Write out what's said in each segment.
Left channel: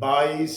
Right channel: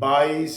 22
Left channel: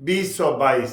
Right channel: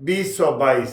2022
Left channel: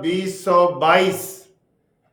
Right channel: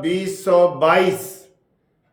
2022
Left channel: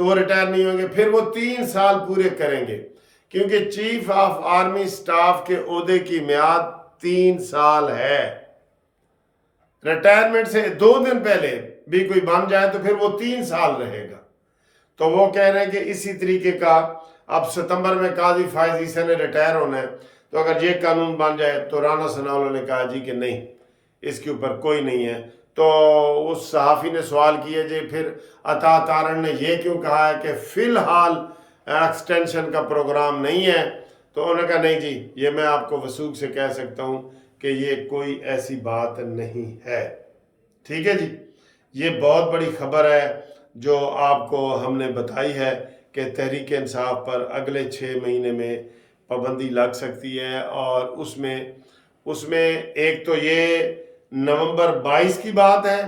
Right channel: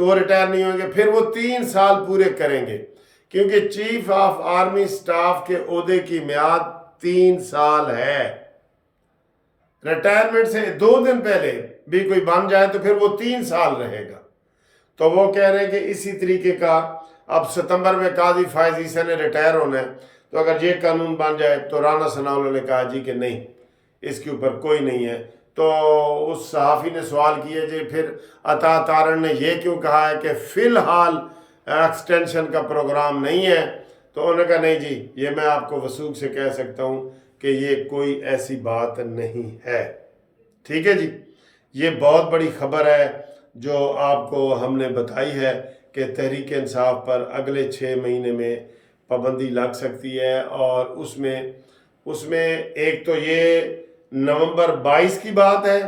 تو وہ ریٹائر نہیں ہوئیں گے، پھر وہ 3 سال پورے کریں گے، کیونکہ چیف آف آرمی سٹاف کے عہدے کی میعاد 3 سال ہے۔ ریٹائرمنٹ سے 2 دن پہلے بھی کوئی بن جائے تو پھر وہ 3 سال رہے گا۔ تو وہ کہہ رہے ہیں کہ اسی طریقے کا اب ستمبر میں قاضی فائز عیسی نے ریٹائر ہونا ہے، تو اگر یہ قانون بن جائے تو رانا ثناءاللہ نے کہا جی کہ نہیں، اس کے اوپر کوئی نہیں ہے۔ تو اس صحافی نے سوال کیا جی پھر عطا تارڑ نے یہ کیوں کہا ہے کہ فی الحال ایکسٹینشن کا پروگرام نہیں ہے؟ تو انہوں نے کہا نہیں جی، یہ میں آپ کو وثوق سے کہہ سکتا ہوں کہ یہ کوئی ایسی بات نہیں ہے۔ ٹھیک ہے جی، یہ بہت بڑی خبر ہے جو آپ کو ہم نے بتائی ہے کہ تحریک انصاف پر اگلے 6 مہینے میں پابندی لگ سکتی ہے، اور اس میں ایک تو یہ نومبر 22 کی بات ہے،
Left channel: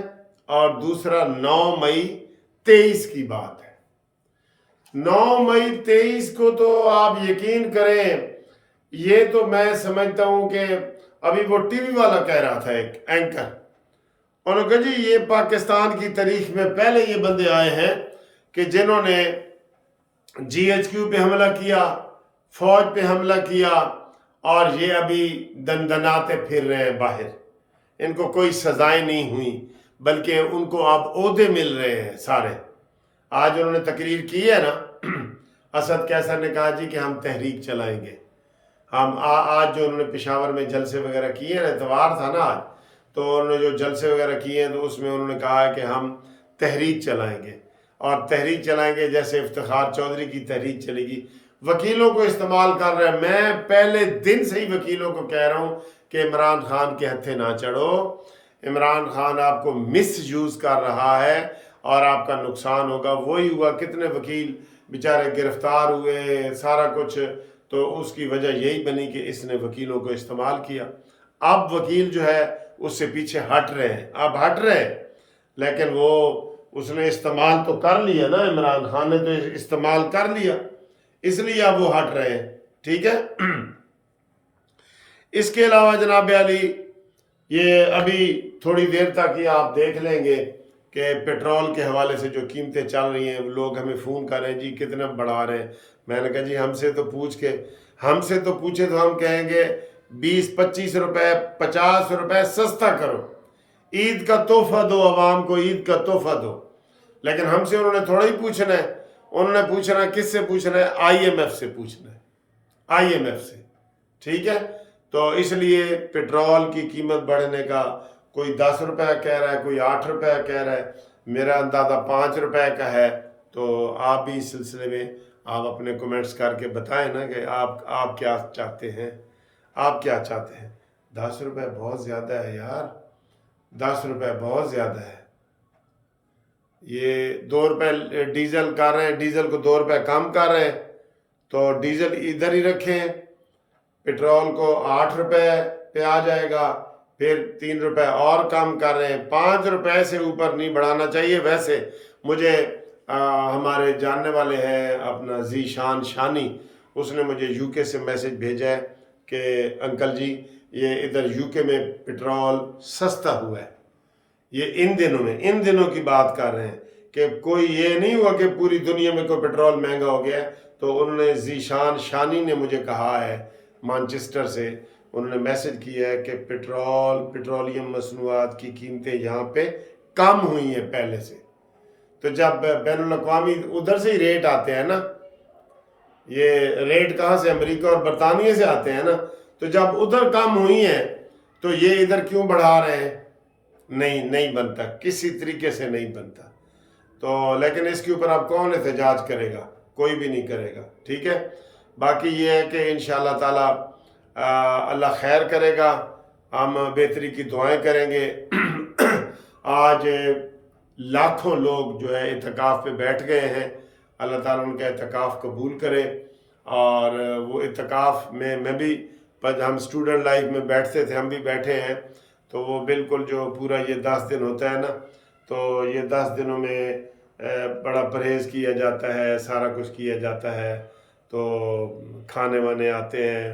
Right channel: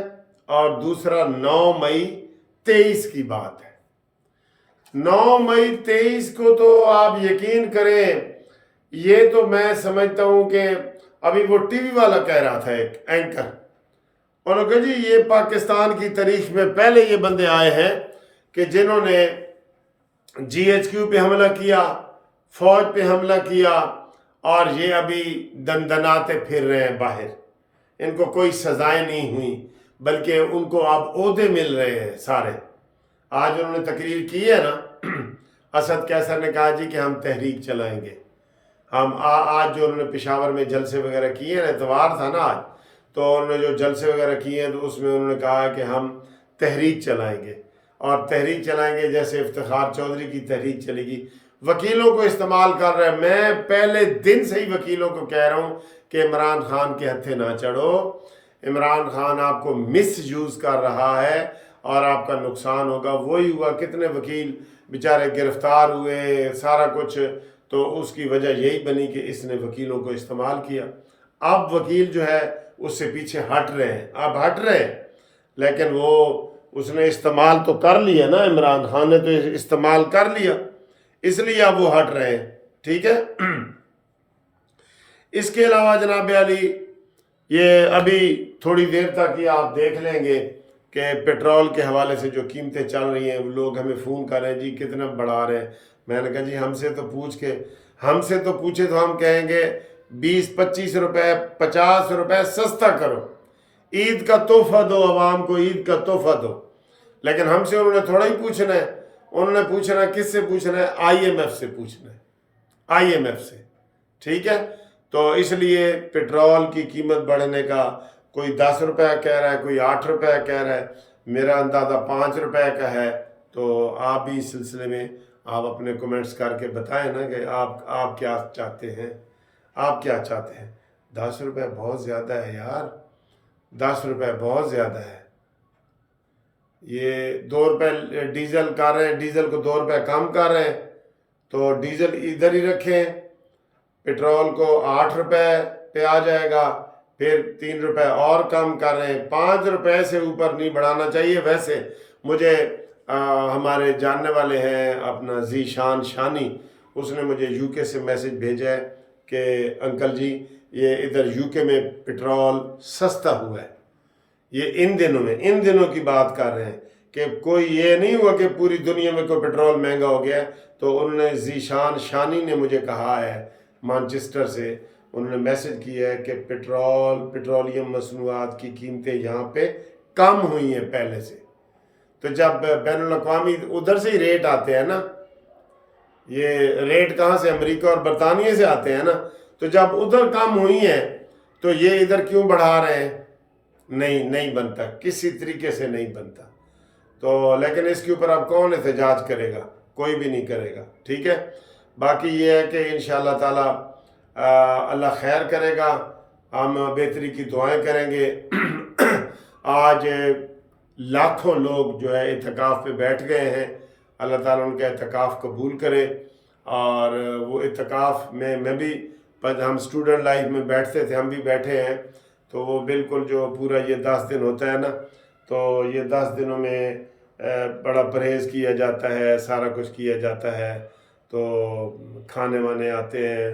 اور دوسرا 9 مئی 23 کی بات ہے۔ 9 مئی 23 کو تو آپ یقین کریں، یہ تو میں سمجھتا ہوں کہ ابھی وہ ٹی وی والا کہہ رہا تھا، ایک اینکر، انہوں نے کہا جی یہ پاکستان کی تاریخ میں پہلے یہ بندے آئے ہیں کہ جنہوں نے جی ایچ کیو پہ حملہ کیا، فوج پہ حملہ کیا، اور یہ ابھی دندناتے پھر رہے ہیں باہر، ان کو کوئی سزائیں نہیں ہوئیں بلکہ ان کو اب عہدے مل رہے ہیں سارے۔ آج انہوں نے تقریر کی ہے نا، اسد قیصر نے کہا جی کہ ہم تحریک چلائیں گے، ہم آج جو انہوں نے پشاور میں جلسے وغیرہ کیے ہیں، اتوار تھا نا آج، تو انہوں نے جو جلسے وغیرہ کیے ہیں تو اس میں انہوں نے کہا کہ ہم تحریک چلائیں گے، اور تحریک چلائیں گے جیسے افتخار چودھری کی تحریک چلے گی۔ وکیلوں کو استعمال کر رہے ہیں، میں پہلے دن سے ہی وکیلوں کو کہہ رہا ہوں کہ عمران خان کے ہتھے نہ چڑھو، عمران خان آپ کو مس یوز کر رہا ہے اور آپ کا نقصان ہوگا۔ وہی ہوا، کتنے وکیل بیچارے گرفتار ہوئے، سارا کچھ، تو اس کی وجہ یہی بنی کہ اس نے وکیلوں کو استعمال کیا۔ اب وکیل جو ہے اس سے پیچھے ہٹ رہے ہیں، اب ہٹ رہے ہیں، لیکن وہ اس نے استعمال تو کر لیا نا، عمران خان نے تو استعمال کر لیا، اس لیے اب وہ ہٹ رہے ہیں۔ ٹھیک ہے، اس کے علاوہ جناب علی، یہ ابھی تھوڑی دیر تک یہ آپ دیکھ لیں گے کہ پیٹرول کے حوالے سے جو قیمتیں چل رہی ہیں، لوگ ہمیں فون کر رہے ہیں جی کتنا بڑھا رہے ہیں۔ میں نے کہا جی ہم سے تو پوچھے تو ہم کہیں گے 20-25 روپے 50 روپے سستا کرو، عید کا تحفہ دو، عوام کو عید کا تحفہ دو۔ لیکن ہم سے انہوں نے تھوڑا ہی پوچھنا ہے، انہوں نے پوچھنا ہے کس سے پوچھنا ہے؟ IMF سے پوچھنا ہے، IMF سے۔ ٹھیک ہے، تو اس لیے پیٹرول کی قیمت بڑھنے کا کوئی 10 روپے کہہ رہا ہے، کوئی 8 روپے کہہ رہا ہے، میرا اندازہ 5 روپے کا ہے۔ تو آپ بھی اس سلسلے میں آپ اپنے کومنٹس کر کے بتائیں نا کہ آپ کیا چاہتے ہیں، آپ کیا چاہتے ہیں۔ 10 روپے بہت زیادہ ہے یار، 10 روپے بہت زیادہ ہے۔ یہ 2 روپے ڈیزل کر رہے ہیں، ڈیزل کو 2 روپے کم کر رہے ہیں، تو ڈیزل ادھر ہی رکھیں، پیٹرول کو 8 روپے پہ آ جائے گا، پھر 3 روپے اور کم کر رہے ہیں، 5 روپے سے اوپر نہیں بڑھانا چاہیے۔ ویسے مجھے ہمارے جاننے والے ہیں اپنا ذیشان شانی، اس نے مجھے UK سے میسج بھیجا ہے کہ انکل جی یہ ادھر UK میں پیٹرول سستا ہوا ہے، یہ ان دنوں کی بات کر رہے ہیں کہ کوئی یہ نہیں ہوا کہ پوری دنیا میں کوئی پیٹرول مہنگا ہو گیا ہے۔ تو انہوں نے ذیشان شانی نے مجھے کہا ہے مانچسٹر سے، انہوں نے میسج کیا ہے کہ پیٹرولیم مصنوعات کی قیمتیں یہاں پہ کم ہوئی ہیں پہلے سے۔ تو جب بین الاقوامی ادھر سے ہی ریٹ آتے ہیں نا، یہ ریٹ کہاں سے؟ امریکہ اور برطانیہ سے آتے ہیں نا، تو جب ادھر کم ہوئی ہیں تو یہ ادھر کیوں بڑھا رہے ہیں؟ نہیں بنتا، کسی طریقے سے نہیں بنتا۔ تو لیکن اس کے اوپر اب کون احتجاج کرے گا؟ کوئی بھی نہیں کرے گا۔ ٹھیک ہے، باقی یہ ہے کہ انشاءاللہ تعالی اللہ خیر کرے گا، ہم بہتری کی دعائیں کریں گے۔ آج لاکھوں لوگ جو ہے اعتکاف پہ بیٹھ گئے ہیں، اللہ تعالیٰ ان کا اعتکاف قبول کرے۔ اور وہ اعتکاف میں بھی، ہم اسٹوڈنٹ لائف میں بیٹھتے تھے، ہم بھی بیٹھے ہیں، تو وہ بالکل جو پورا یہ 10 دن ہوتا ہے نا، تو یہ 10 دنوں میں بڑا پرہیز کیا جاتا ہے، سارا کچھ کیا جاتا ہے، تو کھانے وانے آتے ہیں۔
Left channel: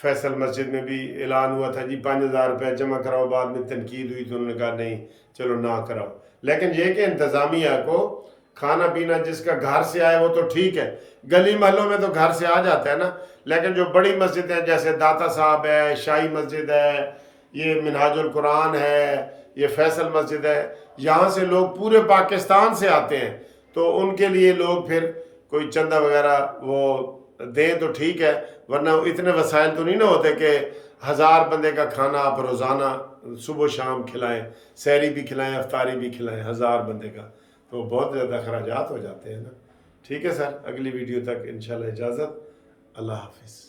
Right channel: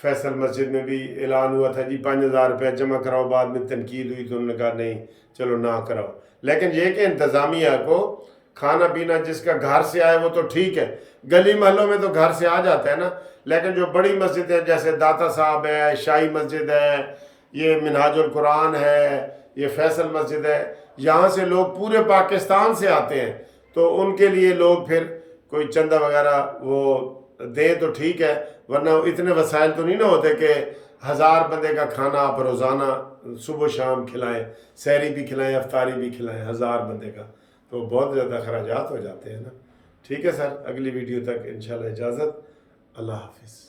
فیصل مسجد میں بھی اعلان ہوا تھا جی 5000 روپے جمع کراؤ، بعد میں تنقید ہوئی تو انہوں نے کہا نہیں چلو نہ کراؤ۔ لیکن یہ کہ انتظامیہ کو کھانا پینا جس کا گھر سے آئے وہ تو ٹھیک ہے، گلی محلوں میں تو گھر سے آ جاتا ہے نا، لیکن جو بڑی مسجدیں جیسے داتا صاحب ہے، شاہی مسجد ہے، یہ منہاج القرآن ہے، یہ فیصل مسجد ہے، یہاں سے لوگ پورے پاکستان سے آتے ہیں، تو ان کے لیے لوگ پھر کوئی چندہ وغیرہ وہ دیں تو ٹھیک ہے، ورنہ اتنے وسائل تو نہیں نا ہوتے کہ 1000 بندے کا کھانا آپ روزانہ صبح و شام کھلائیں، سحری بھی کھلائیں، افطاری بھی کھلائیں 1000 بندے کا، تو بہت زیادہ اخراجات ہو جاتے ہیں نا۔ ٹھیک ہے سر، اگلی ویڈیو تک انشاءاللہ اجازت، اللہ حافظ۔